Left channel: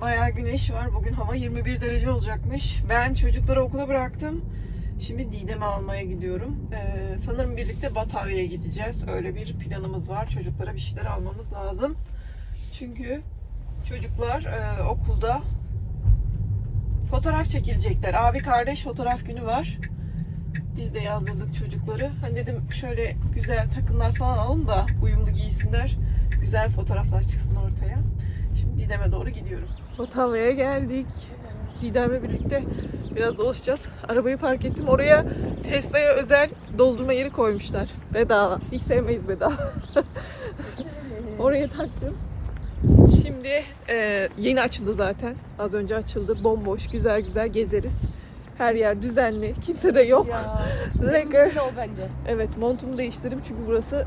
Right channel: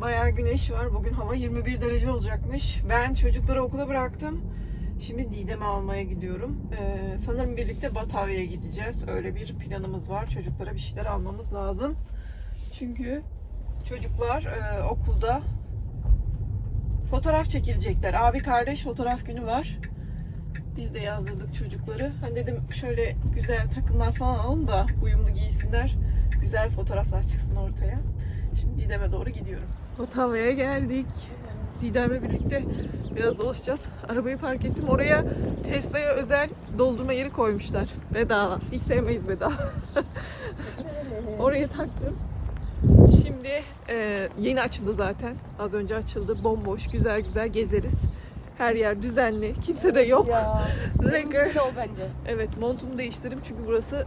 güzel güneş var. Bugün hava 21 derece olacakmış. Ben çocukları okula bıraktım. Şimdi Didem'i almaya gidiyorum. Ee, sanırım birlikte Batavya'ya gideceğiz. Öyle bir planımız var. Çocuklara bir şeyler almamız lazım. Çünkü çocuklar e, okulda fotoğraf çekilecekler. Abi kardeş fotoğraf günü var. Biz de yazdırdık çocukları. Hani dedim şöyle güzel takımlar falan alın da uyumlu giysinler. Güzel fotoğraflar çıksın ortaya. Şimdi Didem'e doğru gidiyorum. Batavya'ya geldik. Didem'le birlikte biraz dolaşacağız. Arabayı park ettim. Oraya Tesla'ya özel doldurma yeri koymuşlar. Bedava. Hiç sevmeyiz bedava. Oraya taktım. Şimdi e, yeni açıldı zaten. Az önce açıldı. Bomboş, güzel güzel gezeriz. Her yer düzenli. Kimse de yok. O bence. Evet montumu değiştirdim çünkü burası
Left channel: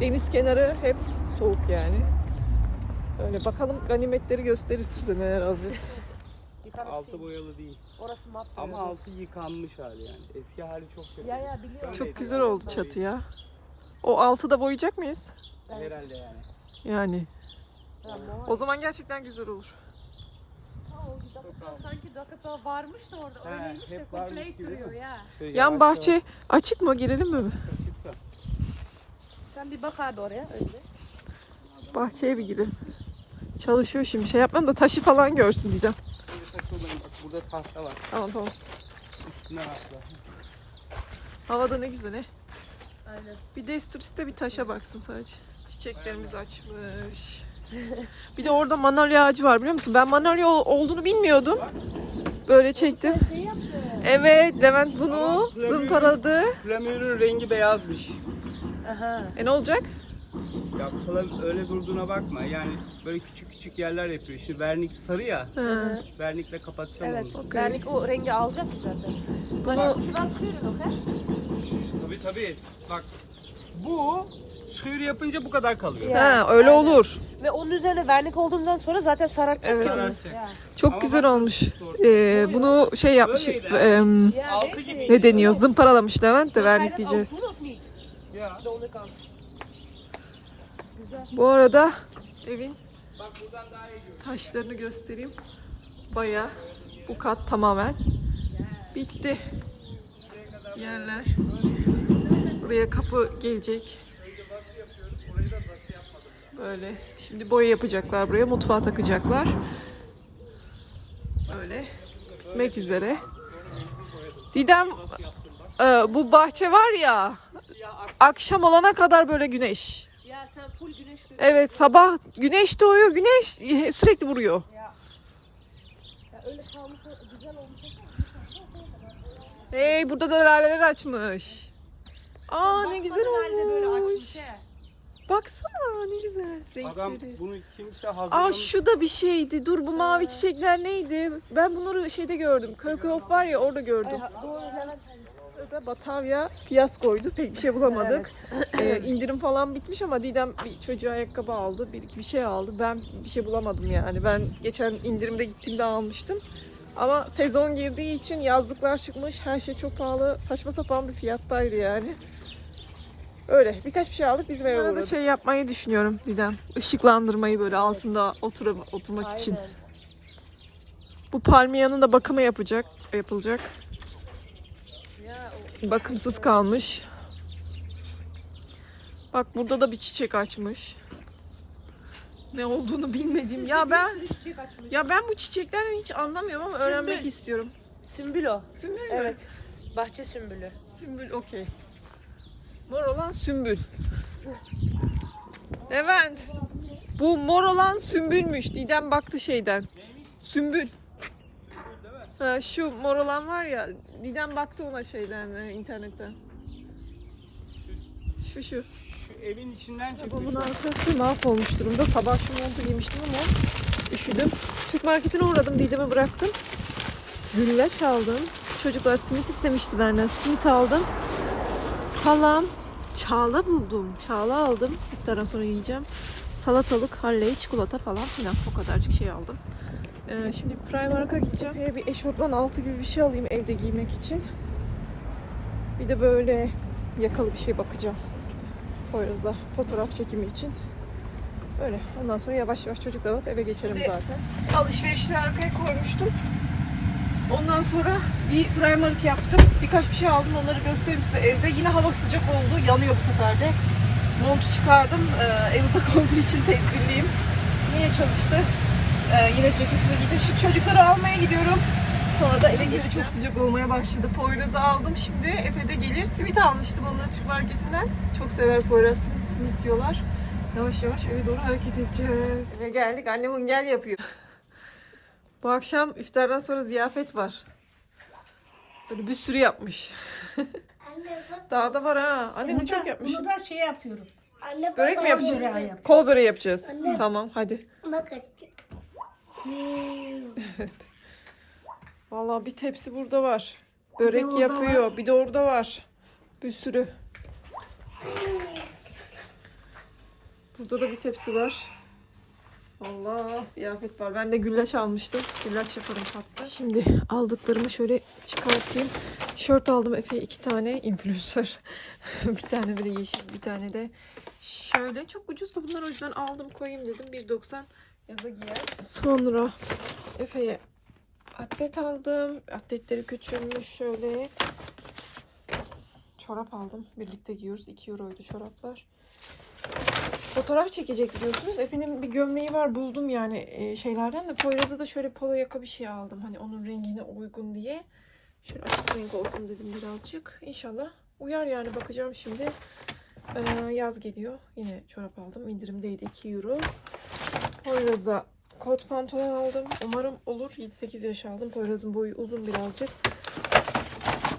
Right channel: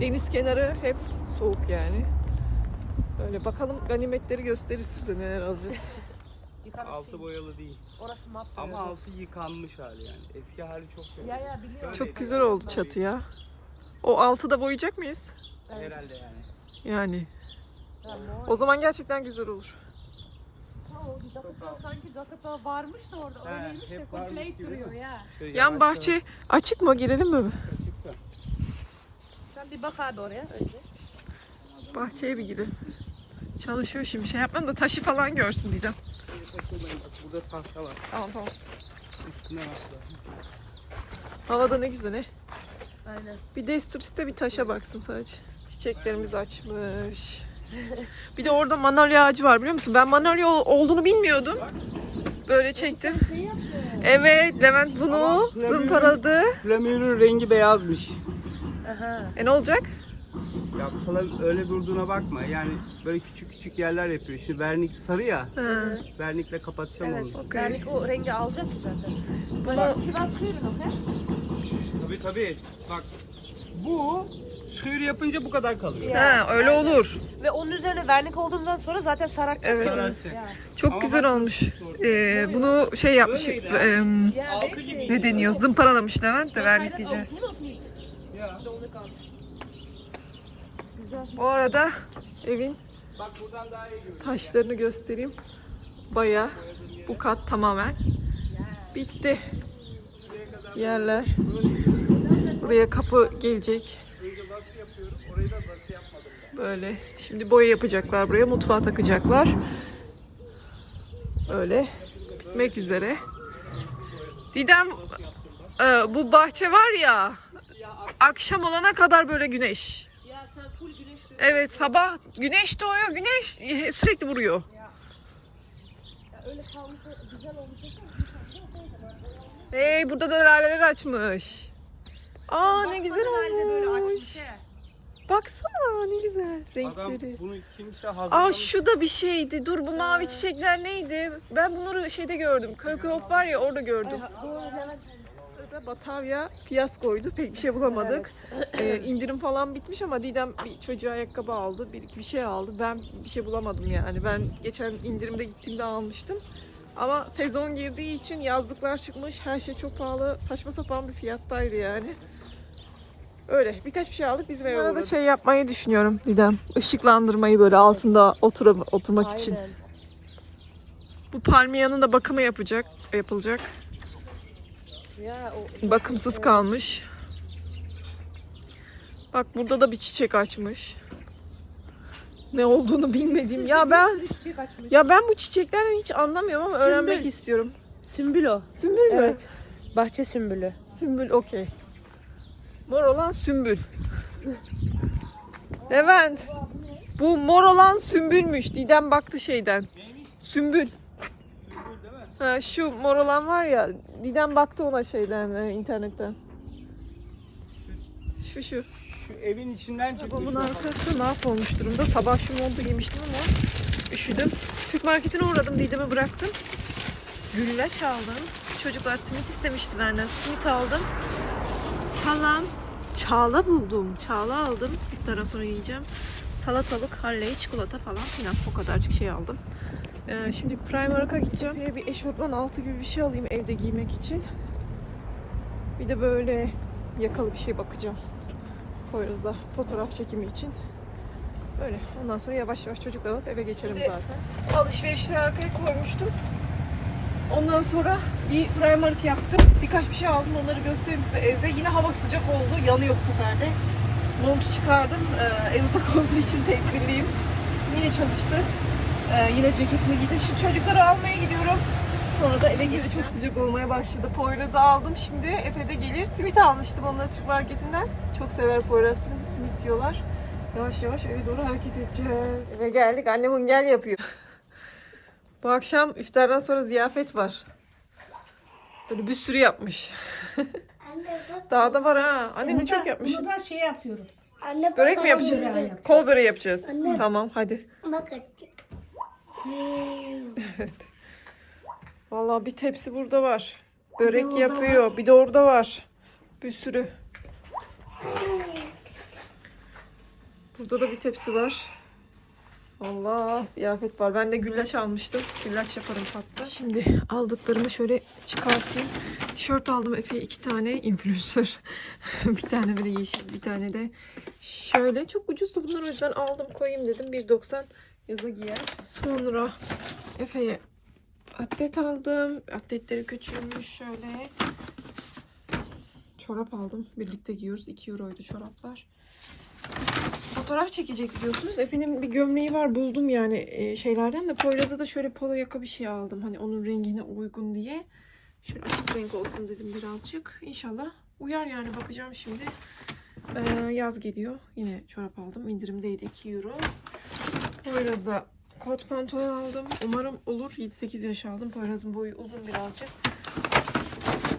deniz kenarı hep soğuk yani. Öyle bakalım ganimetleri gösteririz size neler alacağız. Altı boyalı değil. Orası mat. Ama altı yıkanmış hali yani. Eski hali çok kötü. Ya ya biliyorum. Çok güzel oldu çatı ya. O altı da boyayacak mıyız? Herhalde yani. Yani. O zaman gerçekten güzel olur. Sağ ol. Zakata sanki Zakata varmış da orada. He, Öyleymiş de hep varmış koklayıp gibi. duruyor ya. Şöyle Yan yavaş bahçe açık mı? Girelim mi? yavaş da. Sen bir bak abi oraya önce. Bahçeye bir girelim. Çalışıyor şimdi. Şey yapmam da taşı falan görsün diyeceğim. Burada tahta var. Tamam tamam. Üstüne bak. ya. Havada ne güzel he. Aynen. Bir desturiste bir taşa baksın sadece. Çiçeklerimiz açmış. Bir de orada manolya ağacı var biliyor musun? Ben manolya ol- olduğunu bilmiyordum. Böyle çektim. Yaptın? Evet Levent bunu zımparadı. Flamürün rengi beyazmış. Aha. E ne olacak? Ya falan öyle durduğuna bakma. Yani böyle küçük küçük yerler yapıyor. Şimdi vernik sarı ya. Ha. Vernikle kapatacağım Evet. onu. Okey. Vernik o rengi alacak ki zaten. Bunu Biraz kıyırın okey? Tabii tabii. Bak bu sıyır yapınca bu kadar kalıyor. ha, öyle olur. Ve onun üzerine vernik olduğundan sonra zaten sarartacak. Evet. Sararacak. Ya. Çok Ama güzel bak- olmuş. Ee, bunu şey yapmış. Öyleydi. em, Ya, Altı neyse. gibi. ne deniyor? Zımparalamış Levent de da neat. Ya. Onu. Bu arada evin taşlarını göstereyim. Baya bu kat tamamen bitti. Yerler. Buraya kapı gelecek. Böyle. Şimdi boya yapacaklar buraya. Mutfağa takacaklar. Böyle. Bitmek üzere. Didem e, bu bahçe var ya akşam olana kadar böyle güneş. Ya sen full güneş görüyorsun. Evet sabah güneş doğuyor güneş sürekli vuruyor. Ya. Ya öyle kalmış güzel olmuş. Hey burada da laleler açmış. Aa ne güzel olmuş. Baksana ne güzel Adam renkleri. bunu kimse Aa şu da bir şeydi. Dur bu mavi çiçekler neydi? Ben bunları şeyde gördüm. Kökop var ya orada gördüm. Doğru Levent. Burada Batavia fiyaskoydu. Pek bir şey bulamadık. Ee, indirim falan bitmiş ama Didem bir çocuğa ayakkabı aldı. Bir iki bir şey aldı. Ben bir şey bulamadım yani. Ben geçen indirimde gittiğimde almıştım. Ama sezon girdiği için yazlıklar çıkmış. Her şey çok pahalı. Saçma sapan bir fiyattaydı yani. Öyle birkaç bir şey aldık bizim eve uğradık. şey yapmayı düşünüyorum Didem. Işıklandırmayı böyle altında oturum, oturmak için. Aynen. Bu palmiyanın da bakımı yapacak, yapılacak. Bakımsız kalmış. Bak burada da bir çiçek açmış. Ne olduğunu bilmediğim. Ya ben ya ben bu çiçeklerden hiç anlamıyorum ama öğrenmek istiyorum. Sümbül o. Sümbül mü? Evet. Bahçe sümbülü. Sümbül okey. Mor olan sümbül. Levent. Bu mor olan sümbülmüş. Didem baktı şeyden. Sümbül. Ha, şu mor olan var ya. Didem baktı ona şeyden e, internetten. Şu şu. Şu evin içinden çıkmış. Babamın arkası mahvolmuş durumda. Sabah şu montu giymiştim ama üşüdüm. Türk marketine uğradım. Didem'e bıraktım. Güllaç aldım. Çocuklar simit istemişti benden. Simit aldım. Salam. Çağla buldum. Çağla aldım. İftardan sonra yiyeceğim. Salatalık, halley, çikolata falan filan. O kadarcık şey aldım. Ee, şimdi Primark'a gideceğim. Ee, bir eşofman altı gibi bir şey alayım evde giymek için. Bir de böyle yakalı bir şey bakacağım. Poyraz'a fotoğraf çekimi için. Öyle. Ondan sonra yavaş yavaş çocukları alıp eve geçerim zaten. Alışverişleri arkaya koymuştum. Ondan sonra bir Primark yaptım. Birkaç bir şey aldım. Onları göstereyim size evde. Yine hava sıcak oldu. Yanıyor bu sefer de. Montu çıkardım. Ee, ev uzak olduğu için tedbirliyim. Yine çalıştı. Ee, yine ceketimi giydim. Şimdi çocukları almaya gidiyorum. Sonra da eve geri çok sıcak olmaya başladı. Poyraz'ı aldım şimdi. Efe de gelir. Simit almıştım onları Türk marketinden. Çok sever Poyraz simit, simit yiyorlar. Yavaş yavaş eve doğru hareket edeceğiz. Eve geldik. Annem hünger yapıyor. Bu akşam iftardan sonra ziyafet var. Böyle bir sürü yapmış. Daha da var ha. Annem de çok yapmış. Bunu da şey yapıyorum. Anne Börek mi yapacağız? Kol böreği yapacağız. Anne. Tamam hadi. Bak Evet. Vallahi bir tepsi burada var. Börek orada yapıyor. Bir de orada var. Bir sürü. Burada da bir tepsi var. Allah ziyafet var. Ben de güllaç almıştım. Güllaç yaparım hatta. Şimdi aldıklarımı şöyle çıkartayım. Tişört aldım Efe'ye iki tane influencer. bir tane böyle yeşil bir tane de şöyle. Çok ucuzdu bunlar o yüzden aldım koyayım dedim. 1.90 yaza giyer. Sonra Efe'ye atlet aldım. Atletleri küçülmüş şöyle. Çorap aldım. Birlikte giyiyoruz. 2 euroydu çoraplar. Fotoğraf çekecek biliyorsunuz. Efe'nin bir gömleği var. Buldum yani e, şeylerden de. Poyraz'a da şöyle polo yaka bir şey aldım. Hani onun rengine uygun diye. Şöyle açık renk olsun dedim birazcık. İnşallah uyar yani bakacağım şimdi. Ee, yaz geliyor. Yine çorap aldım. İndirimdeydi 2 euro. Poyraz'a kot pantolon aldım. Umarım olur. 7-8 yaş aldım. Poyraz'ın boyu uzun birazcık.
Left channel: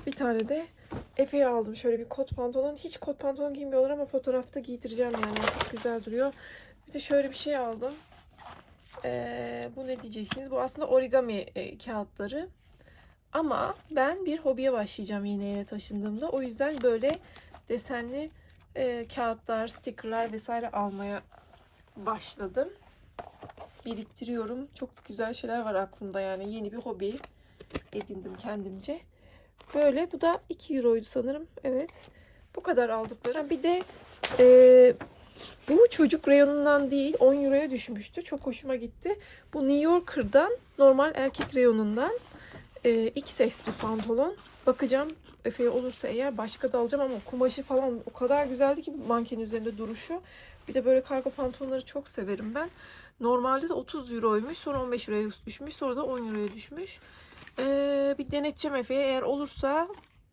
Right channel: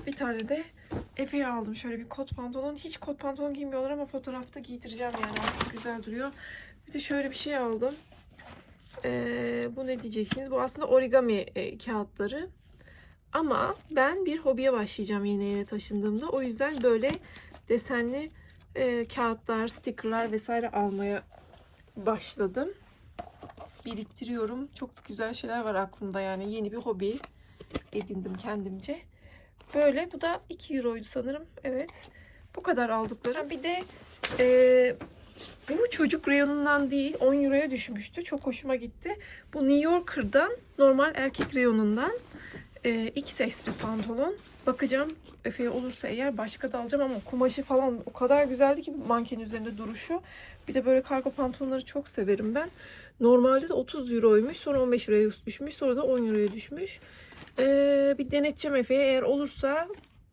Bir tane de Efe'ye aldım. Şöyle bir kot pantolon. Hiç kot pantolon giymiyorlar ama fotoğrafta giydireceğim yani. Çok güzel duruyor. Bir de şöyle bir şey aldım. Ee, bu ne diyeceksiniz? Bu aslında origami e, kağıtları. Ama ben bir hobiye başlayacağım yeni eve taşındığımda. O yüzden böyle desenli e, kağıtlar, stickerlar vesaire almaya başladım biriktiriyorum. Çok güzel şeyler var aklımda yani. Yeni bir hobi edindim kendimce. Böyle bu da 2 euroydu sanırım. Evet. Bu kadar aldıklarım. Bir de e, bu çocuk reyonundan değil 10 euroya düşmüştü. Çok hoşuma gitti. Bu New Yorker'dan normal erkek reyonundan e, XS bir pantolon. Bakacağım Efe'ye olursa eğer başka da alacağım ama kumaşı falan o kadar güzeldi ki manken üzerinde duruşu. Bir de böyle kargo pantolonları çok severim ben. Normalde de 30 euroymuş. Sonra 15 euroya düşmüş. Sonra da 10 euroya düşmüş. Ee, bir deneteceğim Efe'ye. Eğer olursa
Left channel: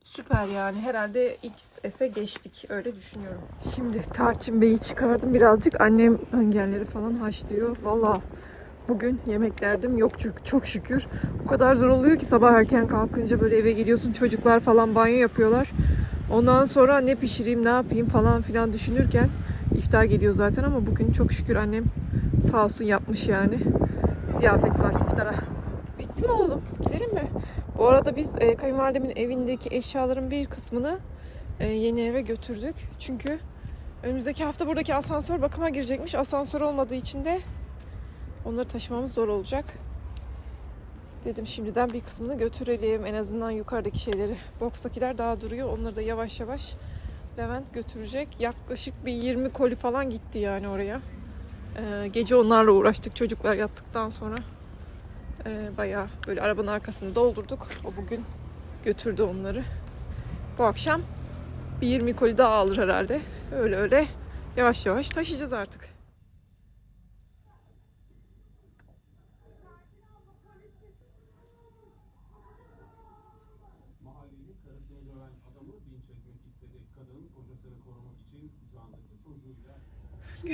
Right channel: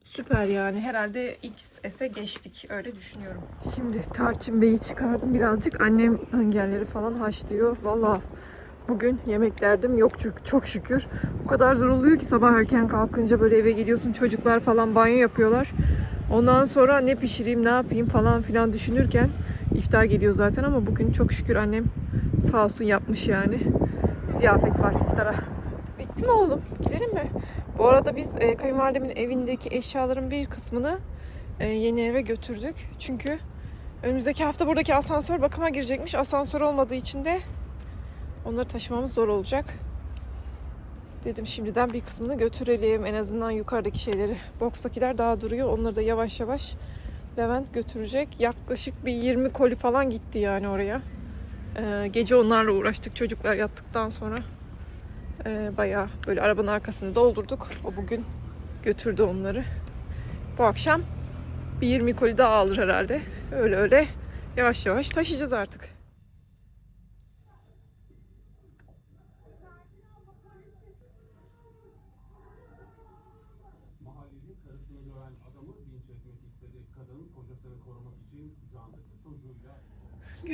süper yani. Herhalde XS'e geçtik. Öyle düşünüyorum. Şimdi Tarçın Bey'i çıkardım birazcık. Annem engelleri falan haşlıyor. Valla bugün yemek derdim yok çok, çok şükür. O kadar zor oluyor ki sabah erken kalkınca böyle eve geliyorsun. Çocuklar falan banyo yapıyorlar. Ondan sonra ne pişireyim ne yapayım falan filan düşünürken iftar geliyor zaten ama bugün çok şükür annem sağ olsun yapmış yani. Ziyafet var iftara. Bitti mi oğlum? Gidelim mi? Bu arada biz e, kayınvalidemin evindeki eşyaların bir kısmını e, yeni eve götürdük. Çünkü önümüzdeki hafta buradaki asansör bakıma girecekmiş. Asansör olmadığı için de onları taşımamız zor olacak. Dedim şimdiden bir kısmını götürelim. En azından yukarıdaki şeyleri. Box'takiler daha duruyor. Onları da yavaş yavaş Levent götürecek. Yaklaşık bir 20 koli falan gitti yani oraya. Ee, gece onlarla uğraştık çocuklar yattıktan sonra. Ee, bayağı böyle arabanın arkasını doldurduk. O bugün götürdü onları. Bu akşam bir 20 koli daha alır herhalde. Öyle öyle yavaş yavaş taşıyacağız artık.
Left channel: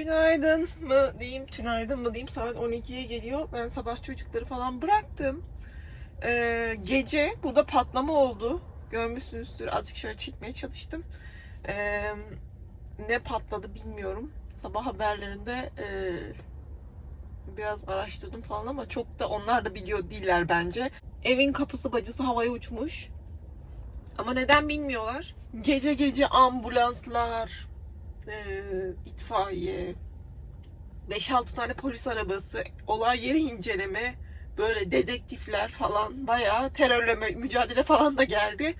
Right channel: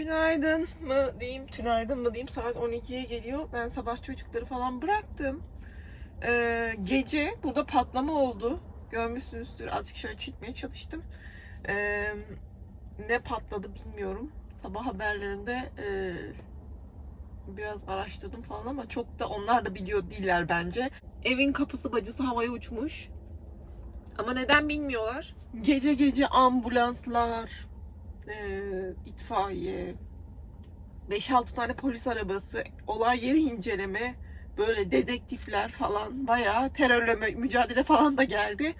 Günaydın mı diyeyim, tünaydın mı diyeyim. Saat 12'ye geliyor. Ben sabah çocukları falan bıraktım. Ee, gece burada patlama oldu. Görmüşsünüzdür. Azıcık şöyle çekmeye çalıştım. Ee, ne patladı bilmiyorum. Sabah haberlerinde e, biraz araştırdım falan ama çok da onlar da biliyor değiller bence. Evin kapısı bacası havaya uçmuş. Ama neden bilmiyorlar. Gece gece ambulanslar, e, itfaiye, 5-6 tane polis arabası, olay yeri inceleme, böyle dedektifler falan bayağı terörle mü- mücadele falan da geldi.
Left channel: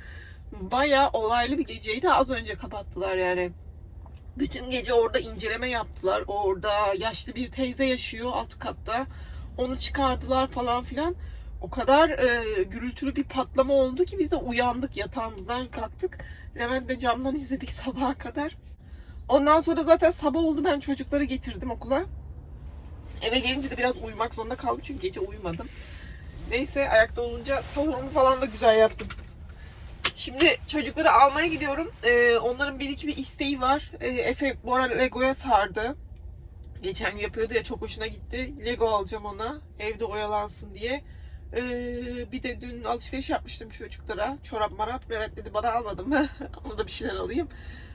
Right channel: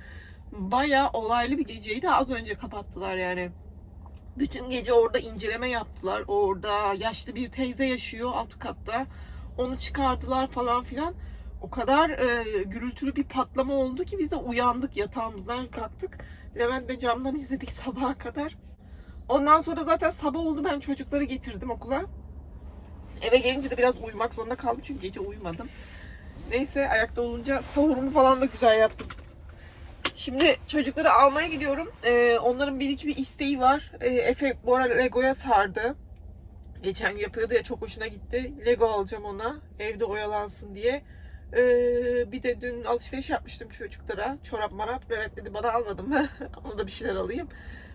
Bayağı olaylı bir geceydi. Az önce kapattılar yani. Bütün gece orada inceleme yaptılar. Orada yaşlı bir teyze yaşıyor alt katta. Onu çıkardılar falan filan. O kadar e, gürültülü bir patlama oldu ki biz de uyandık yatağımızdan kalktık. Levent de camdan izledik sabaha kadar. Ondan sonra zaten sabah oldu ben çocukları getirdim okula. Eve gelince de biraz uyumak zorunda kaldım çünkü gece uyumadım. Neyse ayakta olunca sahurumu falan da güzel yaptım. Şimdi çocukları almaya gidiyorum. Ee, onların bir iki bir isteği var. Ee, Efe bu ara Lego'ya sardı. Geçen yapıyordu ya çok hoşuna gitti. Lego alacağım ona. Evde oyalansın diye. Ee, bir de dün alışveriş yapmıştım çocuklara. Çorap marap. Evet dedi bana almadım. Ona da bir şeyler alayım.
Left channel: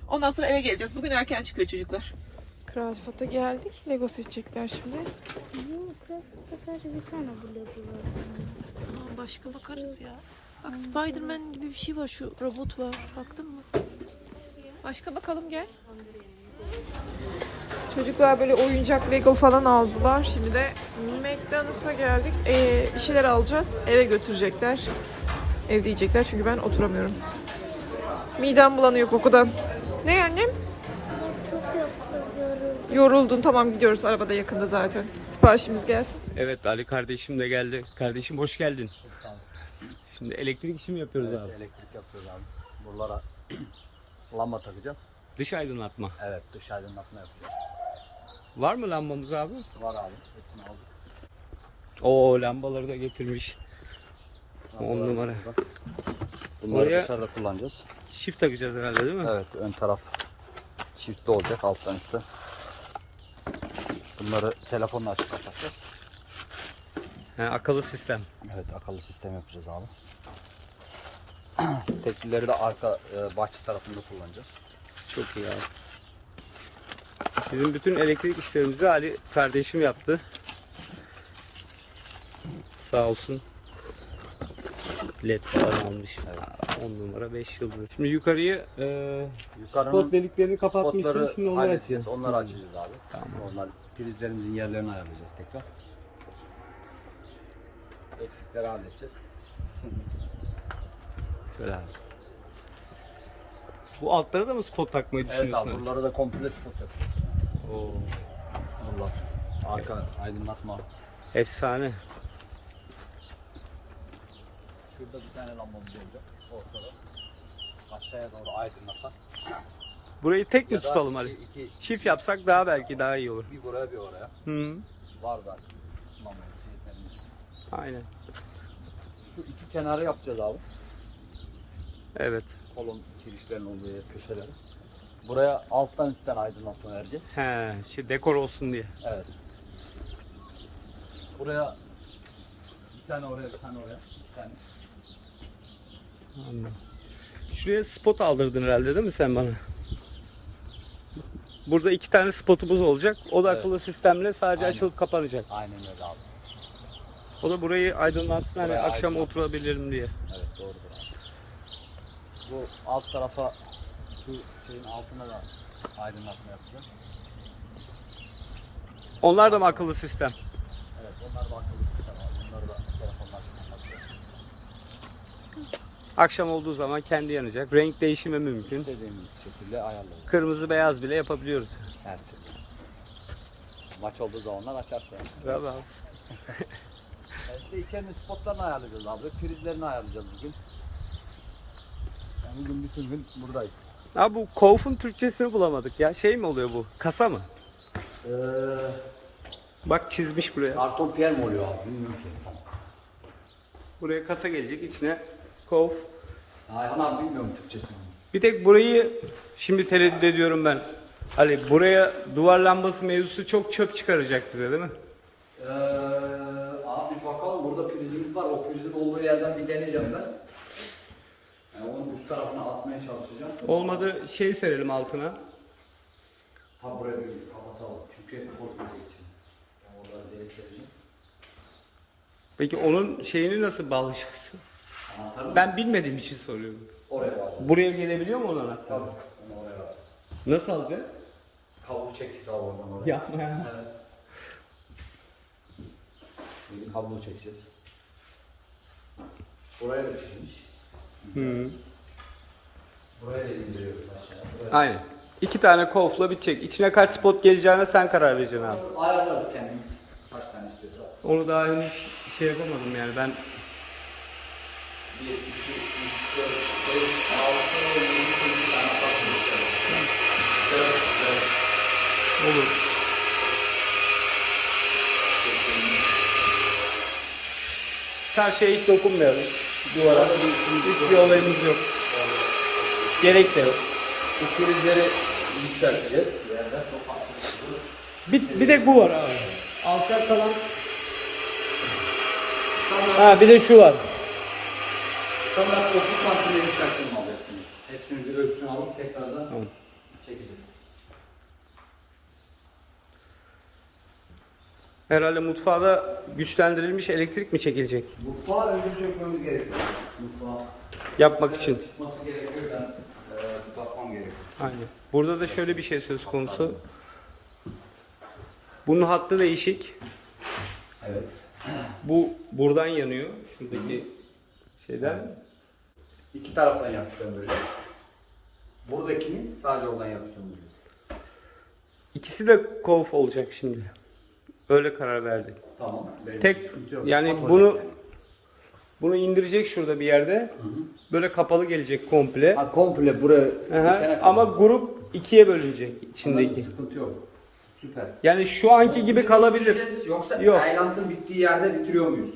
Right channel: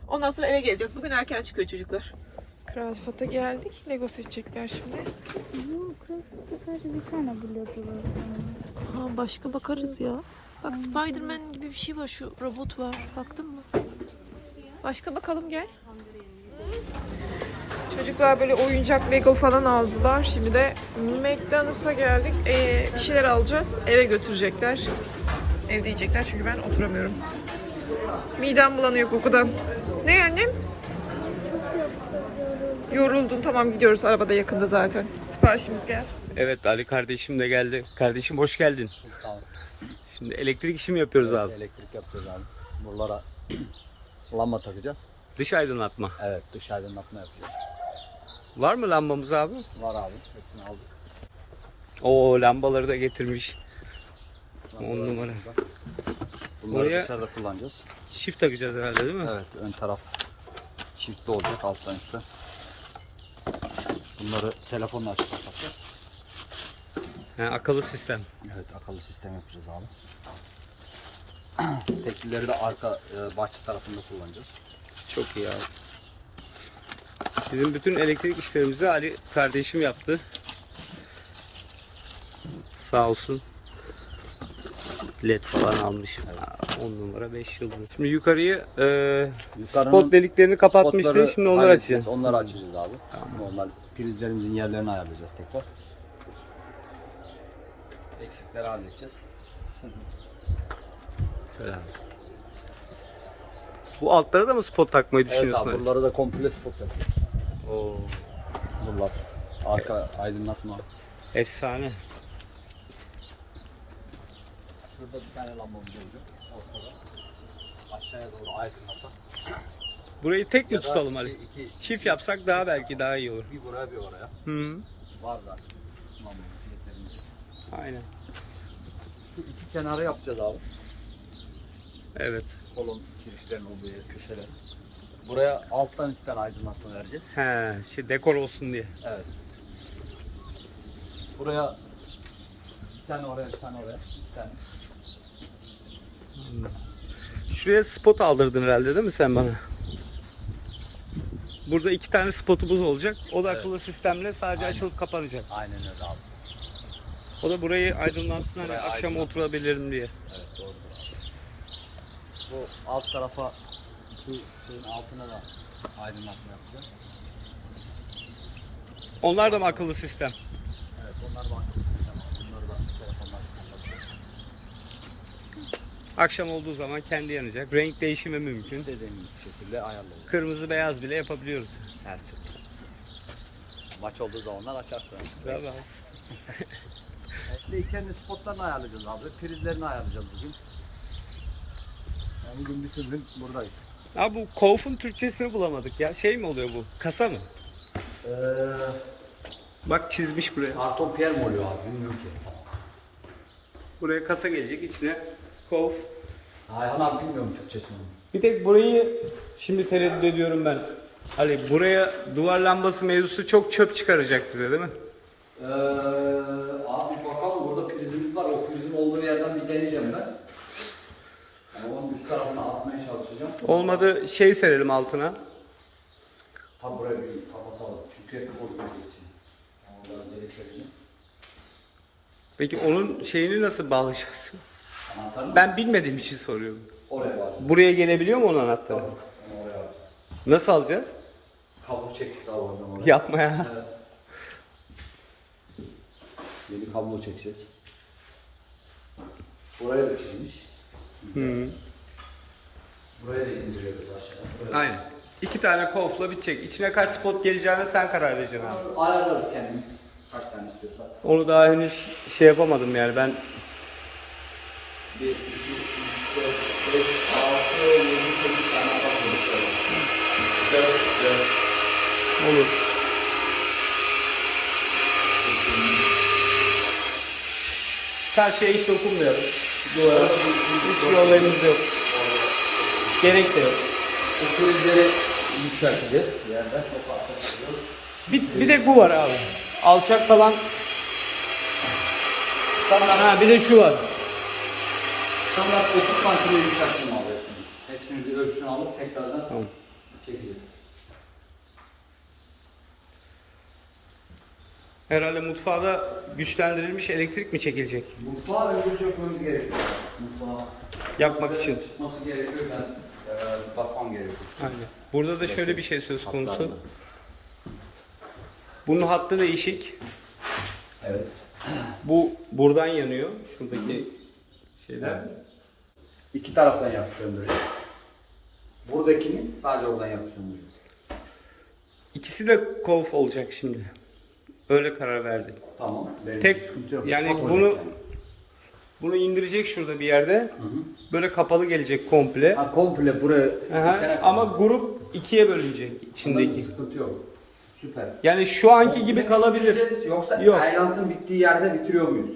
Ondan sonra eve geleceğiz. Bugün erken çıkıyor çocuklar. Krazfat'a geldik. Lego seçecekler şimdi. Yok, Craft'ta sadece bir tane var. Ha, başka bakarız ya. Bak Spider-Man gibi bir şey var. Şu robot var. Baktın mı? Başka bakalım gel. Çocuklar böyle oyuncak Lego falan aldılar. Şimdi de McDonald's'a geldik. Ee, bir şeyler alacağız. Eve götürecekler. Evde yiyecekler çünkü ben oturamıyorum. Midem bulanıyor kokudan. Ne annem? Yoruldun. Tamam gidiyoruz. Arabada yakında zaten. Siparişimiz gelsin. Evet Ali kardeşim de geldi. Kardeşim hoş geldin. Tamam. Şimdi elektrik işi mi yapıyoruz abi? Elektrik yapacağız abi. Buralara lamba takacağız. Dış aydınlatma. Evet dış aydınlatma yapacağız. Var mı lambamız abi? Var abi. Hepsini aldık. Oo lambaları da getirmiş. On numara. Bunları Oraya- dışarıda kullanacağız. Çift takacağız herhalde değil mi? Evet ön taraf çiftli olacak alttan üstte. Bunları telefonla açıp kapatacağız. Ha, akıllı sistem. Evet akıllı sistem yapacağız abi. Teklileri de arka e, bahçe tarafında kullanacağız. Çok iyi abi. Bizim bütün elektrik işlerimizi Ali kardeşim yaptı. Sağ olsun. LED falan almış. 10 numara 5 yıldız. Şimdi yukarıyı e, Yukarının spot deliklerini kapatmıştın. spotları Şimdi onları açacağız. Onları açacağız abi. Tamam. Onlar prizlerimizin yerlerini ayarlayacağız tekrar. Eksikleri halledeceğiz. Selam. Bu altlara da mı spot takmayı Evet düşünüyorsun? abi Ali? bunlara da komple spot yapacağız. Oo, Bunlar arka aydınlatma. efsane. Şurada bir tane lambamız olacak ortada. Aşağıya doğru aydınlatan. Burayı tek mi tutalım Ali? iki- iki- Çift yapsak daha belki daha iyi olur. bir buraya bir oraya. Hı. Var yeterince. Aynen. Şu iki kenarı yapacağız abi. Evet. Kolon girişlerin olduğu yer köşeleri. Buraya alttan üstten aydınlatma vereceğiz. He, şey dekor olsun diye. Evet. Buraya bir tane oraya bir tane oraya bir tane. Anladım. Şuraya spot aldırdın herhalde değil mi sen bana? Burada iki tane spotumuz olacak. O da Evet. akıllı sistemle sadece Aynen. açılıp kapanacak. Aynen öyle abi. O da burayı aydınlatsın hani Buraya akşam aydınlat. oturabilirim diye. Evet doğru. Bu alt tarafa şu şeyin altına da aydınlatma yapacağız. Onlar da mı akıllı sistem? Evet onlar da Bunları da telefonla açacağız. Akşam olduğu zaman kendi yanacak. Renk değişimi mümkün. İstediğin şekilde ayarlayacağız. Kırmızı beyaz bile yapabiliyoruz. Her türlü. Maç olduğu zamanlar açarsın. Bravo. Ya İşte içerinin spotlarını ayarlayacağız abi. Prizlerini ayarlayacağız bugün. Yani bugün bütün gün buradayız. Abi bu Kauf'un Türkçesini bulamadık ya. Şey mi oluyor bu? Kasa mı? Ee, Bak çizmiş buraya. karton piyer mi oluyor abi? Bilmiyorum ki. Buraya kasa gelecek içine. Kauf. Hayır abi bilmiyorum Türkçesini. Bir tek burayı şimdi tereddüt ediyorum ben. Ali buraya duvar lambası mevzusu çok çöp çıkaracak bize değil mi? Ee, abi bakalım burada prizimiz var. O prizin olduğu yerden bir deneyeceğim ben. Yani onun üst tarafına atmaya çalışacağım. Olmadı şey serelim altına. Tam buraya bir kapatalım. Çünkü hep böceği için. Onları delik yapacağım. Peki onun şeyini nasıl bağlayacağız? Anahtarı Ben bilmediğim için soruyorum. oraya var. Buraya gelebiliyor mu onun anahtarı? Onu oraya alacağız. Nasıl alacağız? Kablo oradan oraya. Yapma ya. Evet. Yeni kablo çekeceğiz. Buraya da çekmiş. Hı. Buraya da indiriyoruz aşağıya. Buraya- Aynen. İki tane kolfla bitecek. İçine kaç spot geleceğine sen karar vereceksin abi. Ayarlarız kendimiz. Kaç tane istiyorsak. Onu daha henüz şey yapamadım yani ben 1, 2, 3, 4, 5, 6, 7, 8 tane kapıyoruz şöyle. Evet, evet. olur. Karşıya hiç dokunmuyoruz. Duvara. Hiçbir olayımız yok. Gerek de yok. Yükselteceğiz. Farklı. Bir, bir de bu var abi. Alçak kalan Ha bir de şu var. Standart 30 santim yükseltme alıyor hepsini. Hepsini bir ölçüsünü alıp tekrardan Tamam. çekeceğiz. Herhalde mutfağa da güçlendirilmiş elektrik mi çekilecek? Mutfağı önce sökmemiz gerekiyor. Mutfağı Yapmak için. çıkması gerekiyor. Ben e, bakmam gerekiyor. Aynen. Burada da şöyle bir şey söz konusu. Bunun hattı değişik. Evet. Bu buradan yanıyor. Şuradaki şeyler. İki taraftan yapıp söndüreceğiz. Buradakini sadece oradan yapıp söndüreceğiz. İkisi de kolf olacak şimdi. Öyle karar verdik. Tamam. Benim Tek sıkıntı yok. yani Sıkıntı bunu yok yani. bunu indirecek şurada bir yerde. Böyle kapalı gelecek komple. Ha, komple buraya Aha, bitene ama grup ikiye bölünecek Anladım, içindeki. Sıkıntı yok. Süper. Yani şu anki gibi kalabilir. Yoksa Yok. Tayland'ın bittiği yerde bitiriyor muyuz?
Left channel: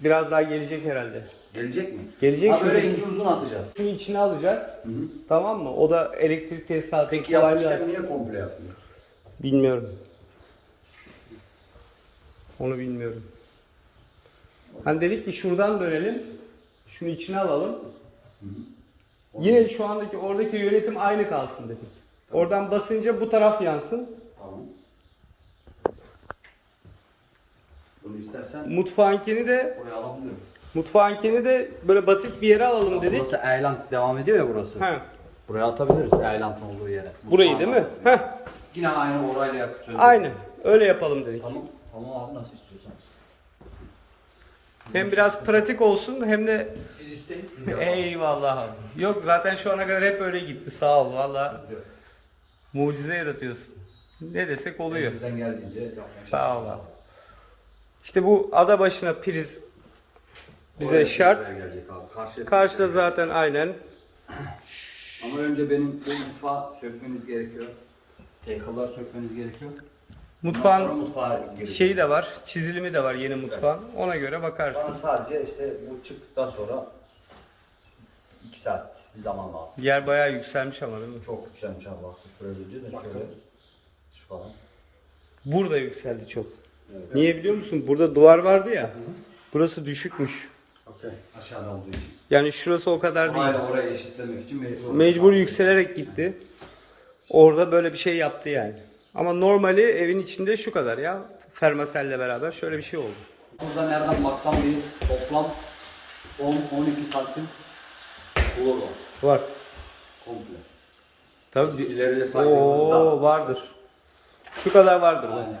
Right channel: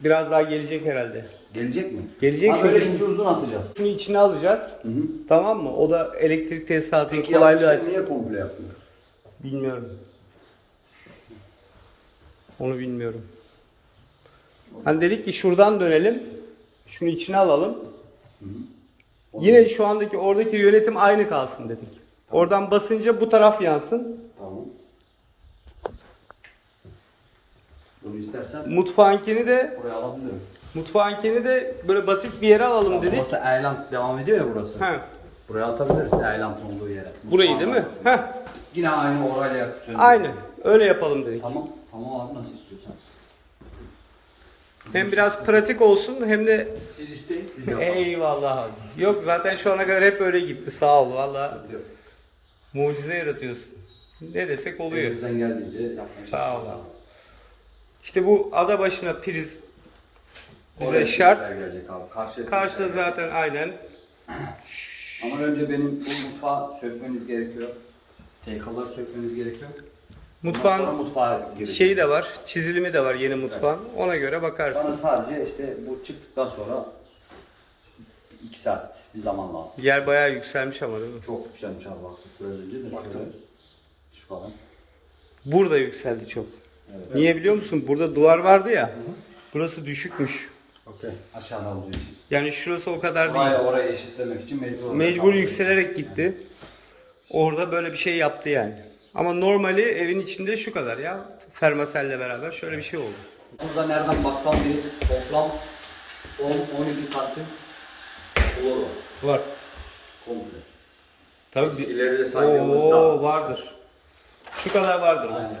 Biraz daha gelecek herhalde. Gelecek mi? Gelecek ha, şöyle. ince uzun atacağız. Şunu içine alacağız. Hı hı. Tamam mı? O da elektrik tesisatının Peki kolaylığı açısından. niye komple yapmıyor? Bilmiyorum. Onu bilmiyorum. Hani dedik ki şuradan dönelim. Şunu içine alalım. Yine şu andaki oradaki yönetim aynı kalsın dedik. Oradan basınca bu taraf yansın. Tamam. Bunu istersen Mutfağınkini de buraya alabilirim. mutfağınkini de böyle basit bir yere alalım dedik. Burası Eland devam ediyor ya burası. Ha, Buraya atabiliriz Eland'ın olduğu yere. burayı değil mi? Mutfağın Heh, Yine aynı orayla söndürürüz. aynen. Öyle yapalım dedik. Tamam. Tamam abi nasıl istiyorsanız. Hem biraz pratik olsun hem de Siz isteyin biz yapalım. eyvallah abi. Yok zaten şu ana kadar hep öyle gitti. Sağ ol valla. Yok. Mucize yaratıyorsun. Ne desek oluyor. Elimizden geldiğince yapmaya Sağ ol abi. İşte bu ada başına priz bize Oraya şart. prizler Gelecek abi. Karşı Karşıda zaten aynen. Ama önce benim bu mutfağı sökmeniz gerekiyor. Take'lar sökmeniz gerekiyor. Ondan Mutfağın sonra mutfağa gerekiyor. şeyi de var, çizilimi de var yeni mutfağın. Ona göre Bana bakarsın. sadece işte bu çıktıktan sonra 2 saat bir zaman lazım. Yer bayağı yükselmiş ama değil mi? Çok yükselmiş abi baktık biraz önce de şöyle. Şu falan. Burada yükseldi çok. Evet. Niye biliyor musun? Burada duvar vardı ya. Burası düşükmüş. Okey. Aşağıda olduğu için. Yani şurası o kadar değil. Orayla orayı eşitlemek için mecbur. Mecbur yükselerek gitti. Orada böyle bir şey yaptı yani. Ama normali evin içinde şu kadar ya. Fermaselle beraber şöyle bir şey oldu. Burada nereden baksam bir toplam 10-12 santim olur var. Var. Komple. Tabii. Eskileriyle saydığımızda. Oo vardır. Şu kadar vardır. lan. Aynen.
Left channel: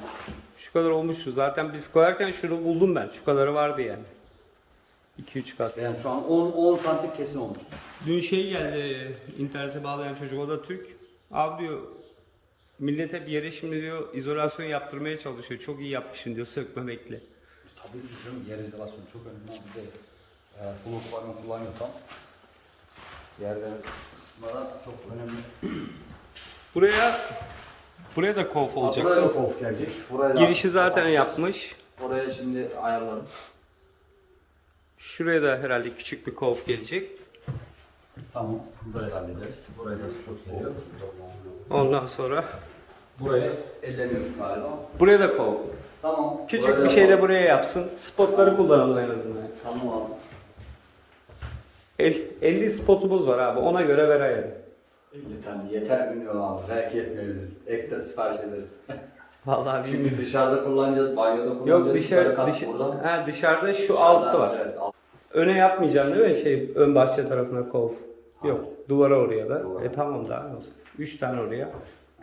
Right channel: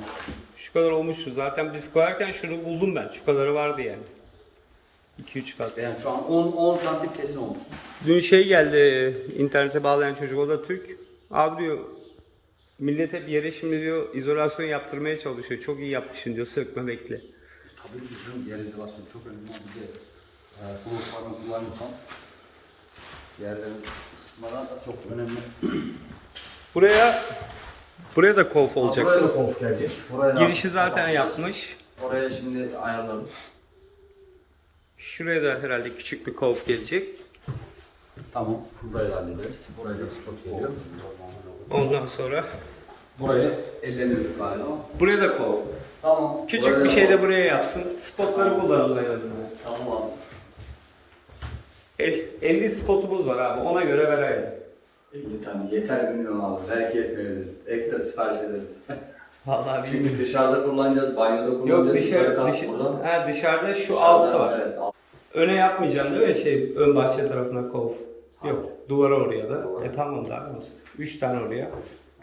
Kadar olmuştu. Zaten biz koyarken şunu buldum ben. Şu kadarı vardı yani. 2-3 kat. Yani şu an 10, 10 santim kesin olmuş. Dün şey geldi internete bağlayan çocuk o da Türk. Abi diyor millet hep yere şimdi diyor izolasyon yaptırmaya çalışıyor. Çok iyi yapmışsın diyor sökmemekle. Tabii ki canım yer izolasyon çok önemli. Bir de e, kulak falan kullanıyorsam yerlerin ısıtmadan çok önemli. Buraya buraya da kolf olacak. Buraya da kof gelecek. Buraya da Girişi zaten yapmış. Oraya şimdi ayarlarım. Şuraya da herhalde küçük bir kolf gelecek. Tamam. Burayı hallederiz. Buraya da spot geliyor. Ondan sonra Buraya ellemiyoruz galiba. buraya da kolf. Tamam. Küçük Buraya bir şey de buraya yapsın. Spotları kullanalım en azından. Tamam. El- 50 spotumuz var abi. Ona göre verelim. 50 tane yeter bilmiyorum abi. Belki yetmeyebilir. Ekstra sipariş ederiz. Vallahi bilmiyorum. Çünkü dışarıda kullanacağız, banyoda kullanacağız. Yok dışarı, dışarı ha, dışarıda şu Dışarıda, altta var. Evet, alt- Öne yapmayacaksın değil mi? Şey ön bahçe tarafına kol. Yok. Duvara oraya da. Duvara. E tamam daha ne olsun. 3 tane oraya.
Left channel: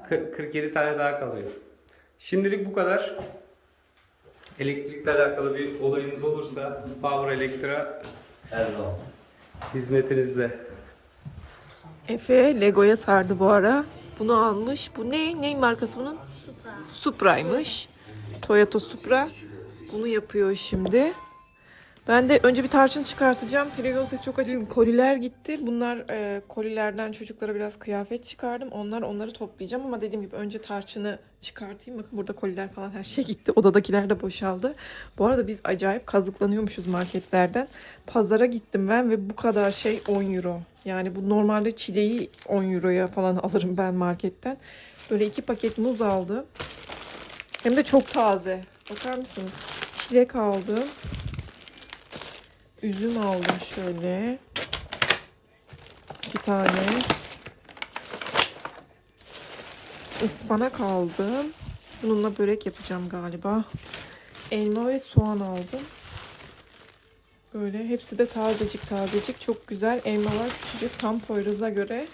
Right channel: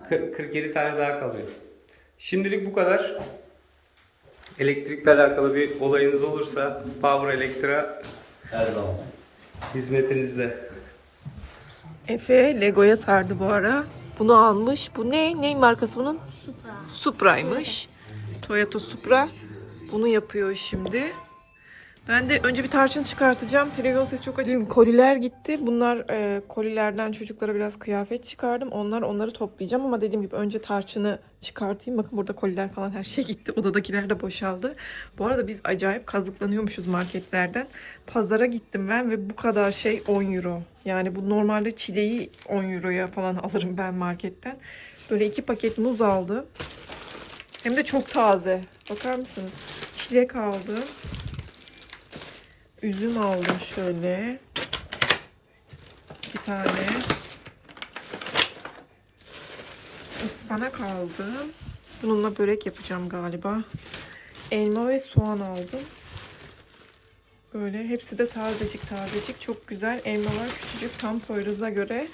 Kı- 47 tane daha kalıyor. Şimdilik bu kadar. Elektrikle alakalı bir olayınız olursa Power Elektra Her zaman. hizmetinizde. Efe Lego'ya sardı bu ara. Bunu almış. Bu ne? Ney markası bunun? Supra'ymış. Toyota Supra. Bunu yapıyor şimdi. Ben de önce bir tarçın çıkartacağım. Televizyon sesi çok açık. Dün koliler gitti. Bunlar e, kolilerden çocuklara biraz kıyafet çıkardım. Onlar onları toplayacağım ama dediğim gibi önce tarçını çıkartayım. Bakın burada koliler falan her şey gitti. Odadakiler de boşaldı. Bu arada biz acayip kazıklanıyormuşuz marketlerden. Pazara gittim ben ve bu kadar şey 10 euro. Yani bu normalde çileği 10 euroya falan alırım ben marketten. Böyle iki paket muz aldım. Hem de çok taze. Bakar mısınız? Çilek aldım. Üzüm aldım şöyle. İki tane. Ispanak aldım. Bununla börek yapacağım galiba. Elma ve soğan aldım. Böyle hepsi de tazecik tazecik. Çok güzel. Elmalar küçücük tam Poyraz'a göre.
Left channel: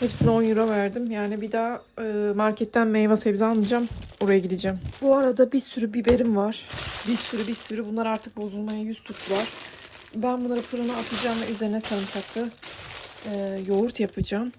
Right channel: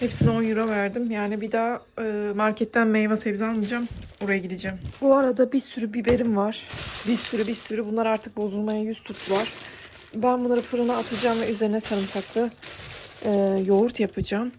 Hepsine 10 euro verdim. Yani bir daha e, marketten meyve sebze almayacağım. Oraya gideceğim. Bu arada bir sürü biberim var. Bir sürü bir sürü. Bunlar artık bozulmaya yüz tuttular. Ben bunları fırına atacağım ve üzerine sarımsaklı e, yoğurt yapacağım.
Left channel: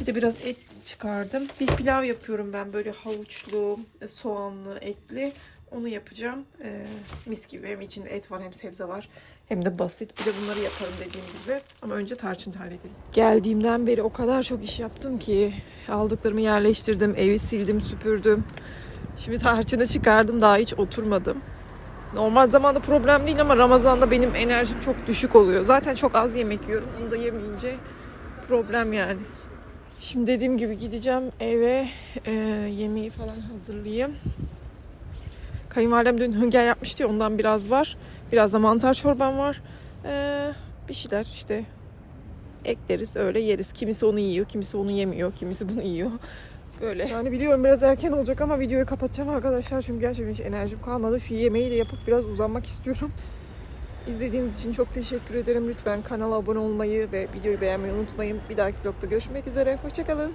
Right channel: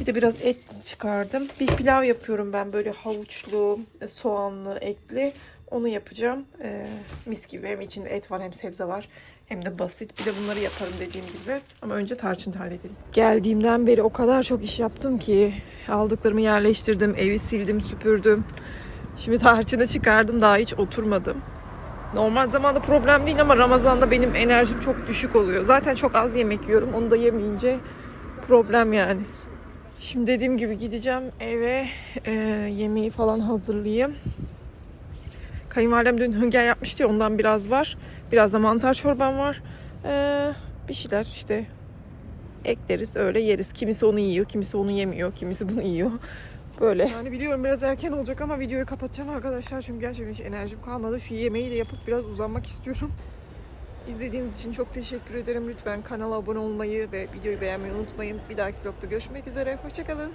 Bir de biraz et çıkardım. Bir pilav yapıyorum ben böyle havuçlu, e, soğanlı, etli. Onu yapacağım. E, mis gibi hem içinde et var hem sebze var. Hem de basit. Bir de bunları yaparım dediğim gibi. Ama önce tarçın halledelim. Geldiğimden beri o kadar çok iş yaptım ki. Aldıklarımı yerleştirdim, evi sildim, süpürdüm. Şimdi tarçını çıkardım daha hiç oturmadım. Normal zamanda problem değil ama Ramazan'da benim enerjim çok düşük oluyor. Zaten çok az yemek yiyorum. Onu da yemeyince problem yani. Şimdi dediğim gibi gideceğim eve e, yemeği falan hazırlayayım. Kayınvalidem dün hünger yapmıştı ya ondan biraz var. Biraz da mantar çorbam var. E, bir şeyler işte ekleriz öyle yeriz. Kimisi onu yiyor, kimisi onu yemiyor, kimisi bunu yiyor. Böyle. Yani biliyorum biraz erken olacak ama videoyu kapatacağım arkadaşlar. Çünkü gerçekten hiç enerjim kalmadı. Şu yemeği de yapıp biraz uzanmak istiyorum. İzlediğiniz için çok teşekkür ederim. Lütfen kanala abone olmayı ve videoyu beğenmeyi unutmayın. Bir dahaki vlogda görüşmek üzere. Hoşçakalın.